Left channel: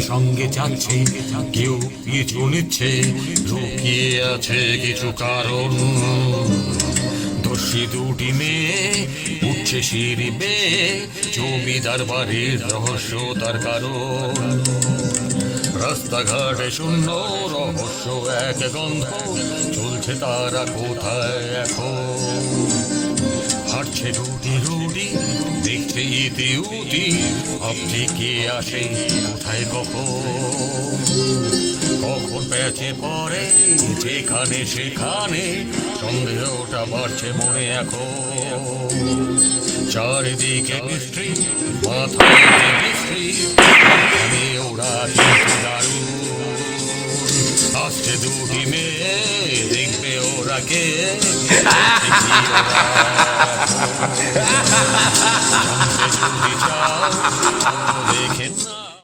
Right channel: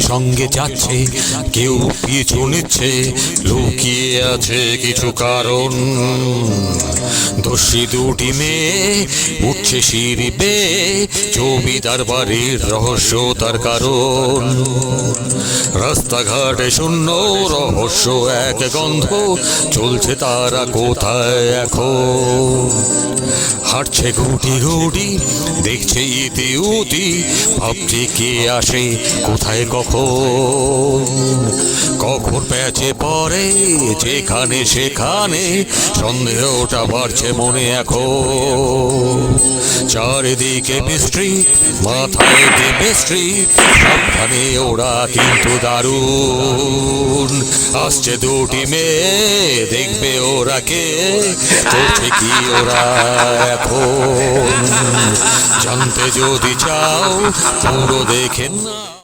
সঙ্গে যাচ্ছে, কেউ পিছু নিচ্ছে, লুকিয়ে আছে কিছু কারণ। দস্যি দুটি মেয়ে উঠছে সিঁড়ি বেয়ে, জমিদার বাড়ির রহস্য তার কারণ। রাস্তাঘাটে শূন্য, রহস্য এক গন্ধ, চলছে তারা কোথায় এখন। হাঁটছে গুটি গুটি, দেখছে ইতি উতি, ভাবছে কে আসে কোথায় কখন। কখন প্যাচে পড়ে যেখানে সেখানে, সন্দেহটা বাড়ছে মনে এখন। চারিদিকে মিস্ট্রি, মাথায় কেমিস্ট্রি, সাবধানে ওরা কিন্তু দারুণ। আসছে দুটি মেয়ে, দেখবে ওরা কে, করছে কি ওরা এখন। জানতে যদি চাও পুরো দেখে না।